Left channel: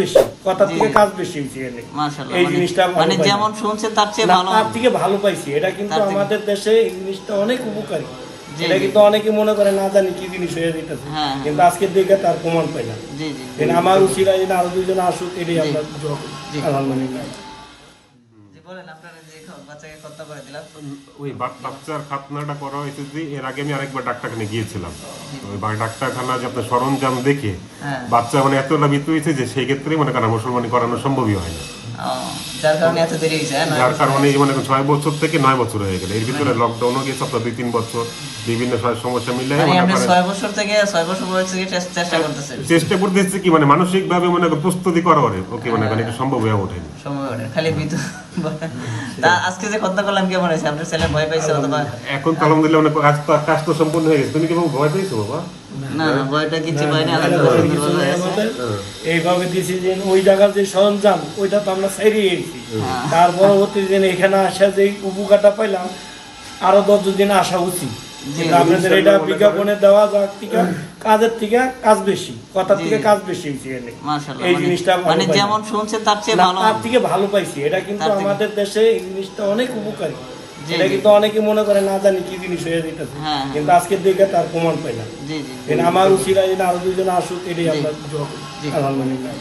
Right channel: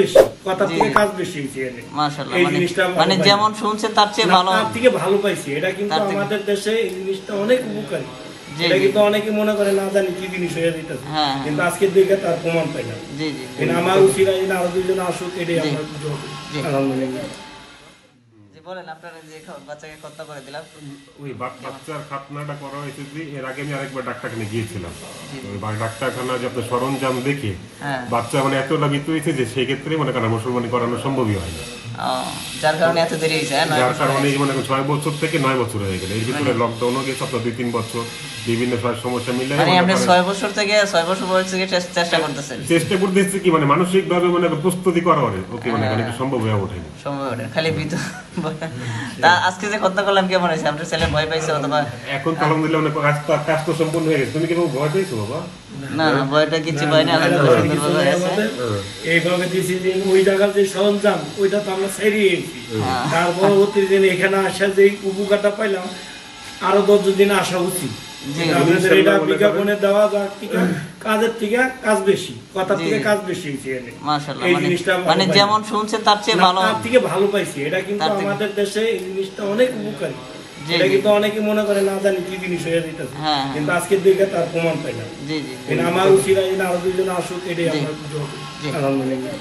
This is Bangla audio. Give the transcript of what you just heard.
বেশি কথা থেকে কাজ বেশি হয়েছে। মাশাআল্লাহ, মানে যেমন শুনছেন তার চেয়ে ভালো, তার থেকে ভালো পাইছি। এটা কিন্তু আমাদের দেশে এই জিনিসটা অনেক উপকারী। এটা কিন্তু অনেকে মনে করে না জানি কি জিনিস হয়ে যেতেছে, কিন্তু আজকে দেখে তার প্রমাণ পাই না। আমার উচিত আরো দুজন আসুক, এটাই আমরা আলহামদুলিল্লাহ। বলেন আপনারা যে বাচ্চাকে হত্যা করে দিলাম, ওই বাচ্চার খাতনাটা করা হয়েছে যে এর আগে আমি আরেকবার ডাক্তারখানে গিয়েছিলাম। ওই ডাক্তারখানা যে আপনার সরঞ্জাম দেখে বাচ্চা মানে এতটা মৃত্যু হয়েছে যে সেই ক্ষেত্রে মনে করেন মুসলমানি করানো সম্ভবই হয় না, যার কারণে এত দেরি হয়েছে। যার কারণে মনে করেন 6 বছর থেকে 9 বছর হয়ে গেল। এর ভিতরে লকডাউনও গেছে আপনার 2-3 বছর, বিভিন্ন সমস্যা মিলে 6 বছর থেকে 6 বছর বয়স থেকে চেষ্টা করতেছে কি মানে মানসিক ভাবে মনে প্রস্তুতি করা হয় ওকে মনে করেন সম্ভব হয়ে ওঠেনি, খালি তা আজকে যে হত্যা করলাম কেমন হয়েছে? আপনার ছেলে ভয় পাইছে অথবা? এখন তো আলহামদুলিল্লাহ অনেক কাজ তো সম্পূর্ণ হয়ে গেছে। তুমি কি ভয় পাইছো বাবা? না না, ভয়টা কিছু পাইনি। এইভাবে দিছি যে ওই জায়গার যে সরঞ্জাম ওইটা তো আমরা ছাড়িয়ে গেছি। তার পরবর্তী দিন এখানে আসা যে উপকারটা পাইলাম, আরো 10 দিনে আসা উচিত। এটা বিজ্ঞাপনে দেওয়া কাজের থেকে কাজ বেশি, কথার থেকে কাজ বেশি। এই জিনিসটা মানে যেমন শুনছেন তার চেয়ে ভালো, তার থেকে ভালো পাইছি। এটা কিন্তু আমাদের দেশে এই জিনিসটা অনেক উপকারী। এটা কিন্তু অনেকে মনে করে না জানি কি জিনিস হয়ে যেতেছে, কিন্তু আজকে দেখে তার প্রমাণ পাই না। আমার উচিত আরো দুজন আসুক, এটাই আমরা আলহামদুলিল্লাহ।